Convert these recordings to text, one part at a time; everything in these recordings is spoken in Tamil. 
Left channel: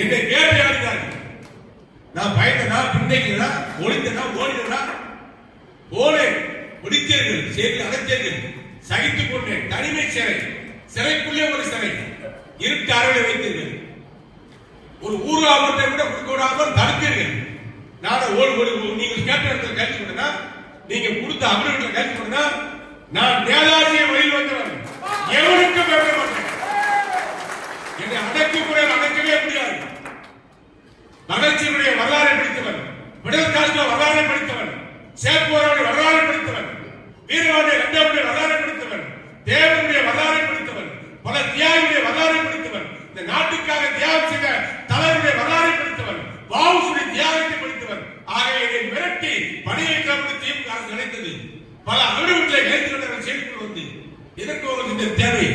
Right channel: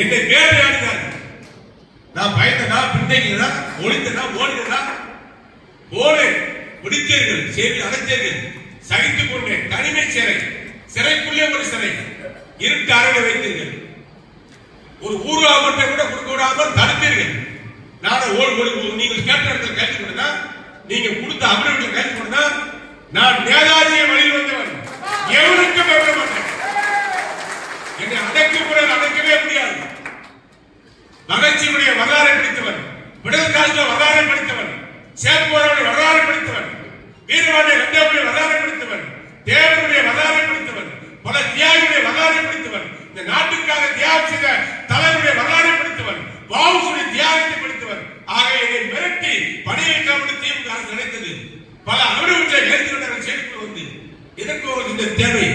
என்னை வேட்டையாடினார்கள். நான் பயந்தனா, பின்தங்கினா, ஒளிந்தனா, ஓடினா, போனேன், பிடித்தீர்கள், சேர்த்து அடைத்தீர்கள், சகித்துக் கொண்டேன். தனிமை சிறை, சிறைக்குள்ளே ஒரு சிறை, இருட்டு அறையில் வைத்தீர்கள். ஒரு ஊர்வா மட்டும் கூட கொடுக்க விடாமல் தடுத்தீர்கள். நான் நீங்கள் கேட்ட இடத்துல கைது பண்ணா, நீங்க கொடுத்த அமர்வுகளை கைது பண்ணா, நான் நேதாஜியை வழியில் வந்தவன், எவனுக்கும் வெல்ல மாட்டேன். என்னை அடக்கவே முடியாது. மகிழ்ச்சியுடைய வரலாறை படித்தவன், விடுதல் காலத்தில் வரலாறை படித்தவன், சேத்போராவுடைய வரலாறை படித்தவன், வீரவாண்டிய கண்டவுடைய வரலாறை படித்தவன், தேவனுடைய வரலாறை படித்தவன், பல தியாகியுடைய வரலாறை படித்தவன், இந்த நாட்டுக்காக தியாகம் செய்த தலைவருடைய வரலாறை படித்தவன், வாவுசுடைய தியாகத்தை படித்தவன். ஆகவே இதை மிரட்டி பணியை கவர்ந்து திமுக அரசு நினைத்தது. பல அகடுகளை ஏற்றுக்கொண்ட செய்திக்குள் வந்து இதற்கு ஒரு இந்த தேவை,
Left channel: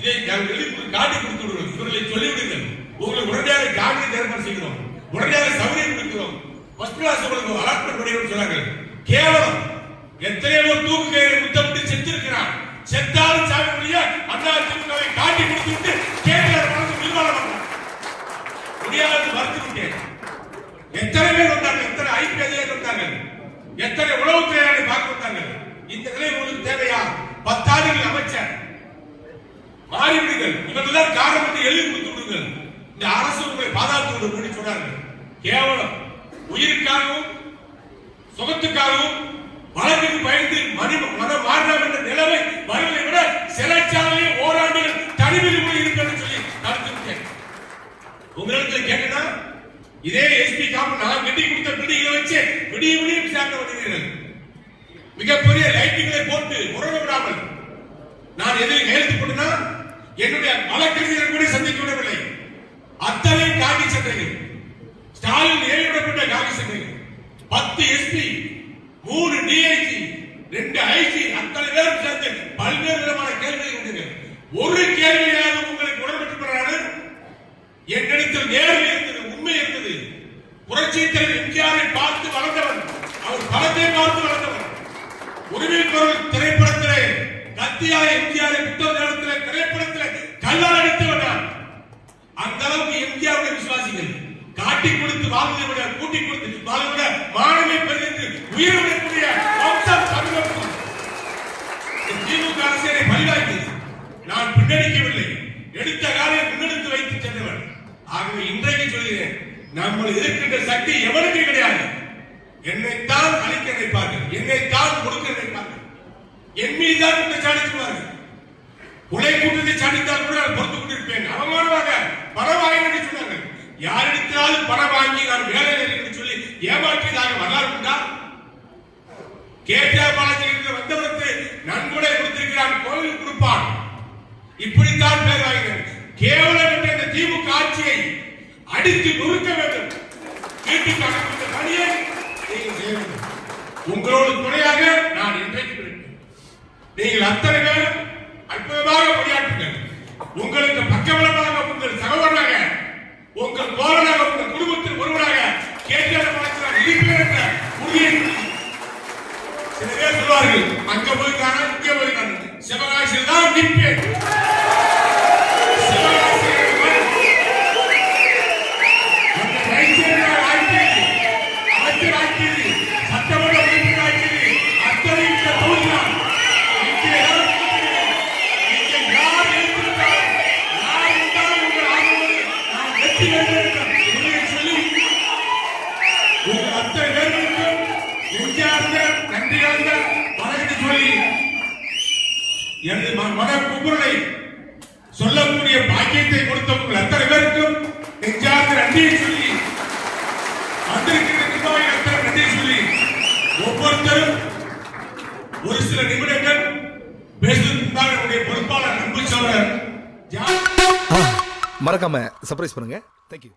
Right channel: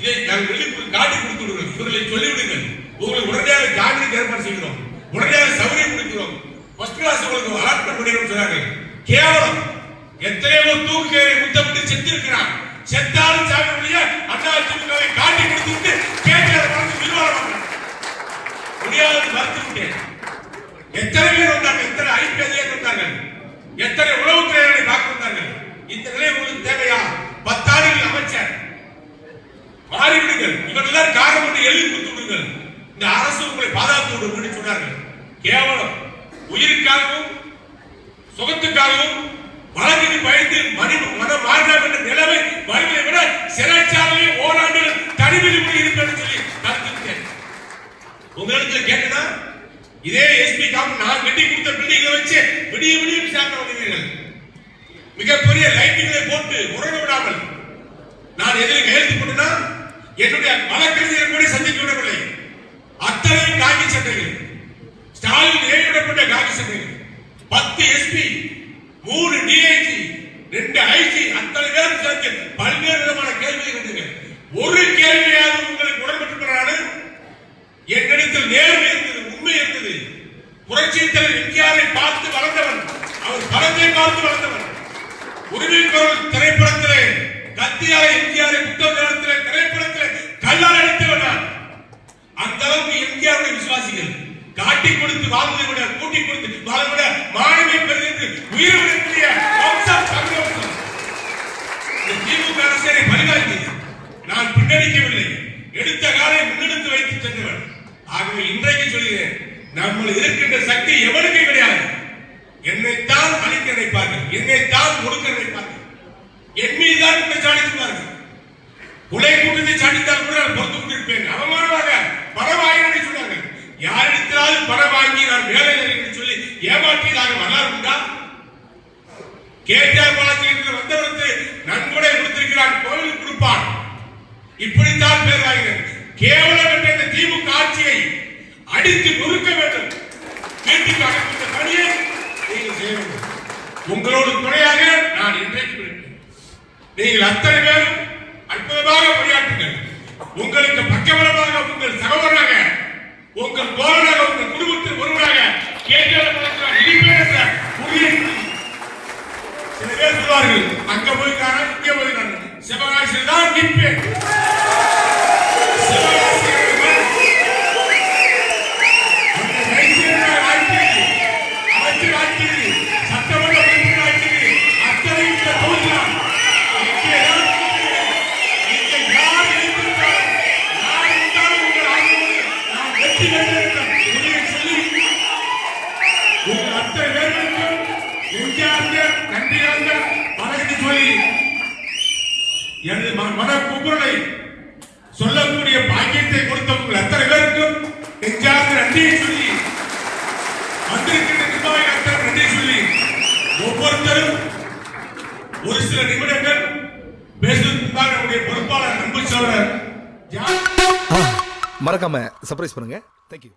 இதை நாங்கள் காட்டி கொடுத்து விடுங்கள், இவர்களை சொல்லிவிடுங்கள். உங்களை உடனடியாக ஜாமீனுக்கு ஏற்பாடு செய்கிறோம், உடனடியாக சௌகரியம் கொடுக்கிறோம், ஃபர்ஸ்ட் கிளாஸ் உங்களுக்கு அலாட்மெண்ட் பண்ணிடும் சொன்னார்கள். கேவலம். எத்தனையோ தூக்கு முத்தமிட்டு செத்திருக்கிறான். செத்தாலும் சாக முடிய அண்ணா திமுகவை காட்டி கொடுத்துட்டு கேட்கிற முடியாது மறுத்து விட்டேன். எத்தனை பேர் வந்தார்கள், எத்தனை ஐபிஎஸ் வந்தார்கள், எத்தனை உளவுத்துறையாளரை பார்க்க வந்தார்கள். இந்த நிலை உங்களுக்கு தேவையா? 10 ஆண்டுகள் அமைச்சர் மாறிவிடுங்கள், இவர்கள் காரணம் என்று எழுதி கொடுத்து விடுங்கள். இந்த அரசு உங்களை பாதுகாத்து விடும் சொன்னார்கள். கேவலம். உயிருக்காகவும் சுகத்துக்காகவும் வழக்கு பயந்து மனம் மாறலாம் என்ற நிலைமை வருவதை விட சிறைச்சாலையில் ஓராண்டுகள் தனிமையில் இருக்கிறது சொல்லி தடுத்துவிட்டேன். உங்களுக்கு கேட்டா இதே எஸ்பி காப்பு நான் கட்டி கொடுத்த பில்டிங்களை வச்சு விடிய விடியும் சேர்க்க வருகிறீர்கள். மிகப்பெரிய லைட்டுகளை போட்டு உறங்க விடாமல் நான் எதில் கையெழுத்து போட்டேன்னா என்னுடைய வழக்கறிஞரை கூட சந்திக்க விடவில்லை. அத்தனை காக்கி சட்டைகள், ஸ்டாலின் ஏறிவிடப்பட்ட காக்கி சட்டைகள், 10 எஸ்பி, 3 டிஐஜி, 2 ஐஜி, அத்தனை பேரும் சேர்ந்து பல்வேறு விதமான கேள்விகள் இருந்தது. ஒரு கேள்வியாவது உங்களுக்கு உடன்பட்டு என்னிடத்தில் நேர்மை இருந்தது, உண்மை இருந்தது. புரட்சி தலைவர் எம்ஜிஆரை பார்த்து வளர்ந்தவன், அவர் படத்தை பார்த்து வளர்ந்தவன். உரிமை குரல் திரைப்படத்திலே கத்தியால எம்ஜிஆரை புத்தக நேரத்திலே திரைப்படத்திலே கல்லால் அடித்தவன். அந்த அளவுக்கு எம்ஜிஆருடைய விசுவாசிகள் காட்டி கொடுத்து வாழ்வதை விட கூட்டி கொடுத்து வாழ்வதை விட மாணவை பெறுகிறது உயிரிழக்கக்கூடிய வம்சம் தமிழகம். திமுக அரசை பரிவாய்த்தது. நான் பின்னடிக்கவில்லை, எடுத்த காலை முன்னெடுத்து வைத்து சென்றவன். ஆகவே இன்றைக்கு சொல்கிறேன், நம்ம இருக்கின்ற சக்தி எவருக்கு கிடையாது. என்னைத்தான் அழிக்க நினைப்பார்கள், என்னைத்தான் ஒடுக்க நினைப்பார்கள், என் மீதுதான் குற்றச்சாட்டுவார்கள். கொலை கூட்டத்தை சாட்டித்தால் கூட நான் பொறுத்து கொண்டிருப்பேன். அவமானமாக பணம் வாங்கி சொன்னார்கள். யாரிடத்திலாவது பணம் வாங்கி நான் வேலை என்று சொல்லி ஏமாற்றியதாக வரலாறு உண்டா? கேட்டார் பாலாஜி வந்தவருக்கு நன்கொடை கொடுத்திருக்கிறான், கோவில் கொடுப்பான். இப்படித்தான் பேர் வாங்கினேன். கேவலம் என்ற இந்த திமுக ஆட்சியை அடித்து நொறுக்க வேண்டும். வீட்டுக்கு அனுப்பித்த பணியை நீங்கள் செய்ய வேண்டும். உங்களோடு துணையாக நான் இன்றைக்கு இருப்பேன். நீங்கள் அத்தனை பேரும் அற்புதமாக பணியாற்றுங்கள். உங்களுக்கு பக்கபலமாக உங்கள் சகோதரனாக, உங்கள் தோழனாக, உங்கள் குடும்பத்தில் ஒருவராக கேட்டார் இருப்பேன் என்ற உறுதியை சில பேர் சொல்வார்கள். அங்க போய்க்கான இங்கே போய்க்கான சிவகாசியில் தான் நிற்பேன். எனது மனக்குமுறலை சொல்லக்கூடிய பாக்கியத்தை கொடுத்த உங்கள் அத்தனை பேருக்கும் நெஞ்சார்ந்த நன்றியை சொல்லி, வந்திருக்கிற நன்றியை சொல்லி, ஒவ்வொருத்தரும் ஒரு சில நிமிடங்கள் பேசுவதற்காக நம்முடைய பொறுப்பாளர் அன்பு சோழர் மறக்காம சர்ப்ரைஸ் பண்ணுங்க. தேங்க்யூ.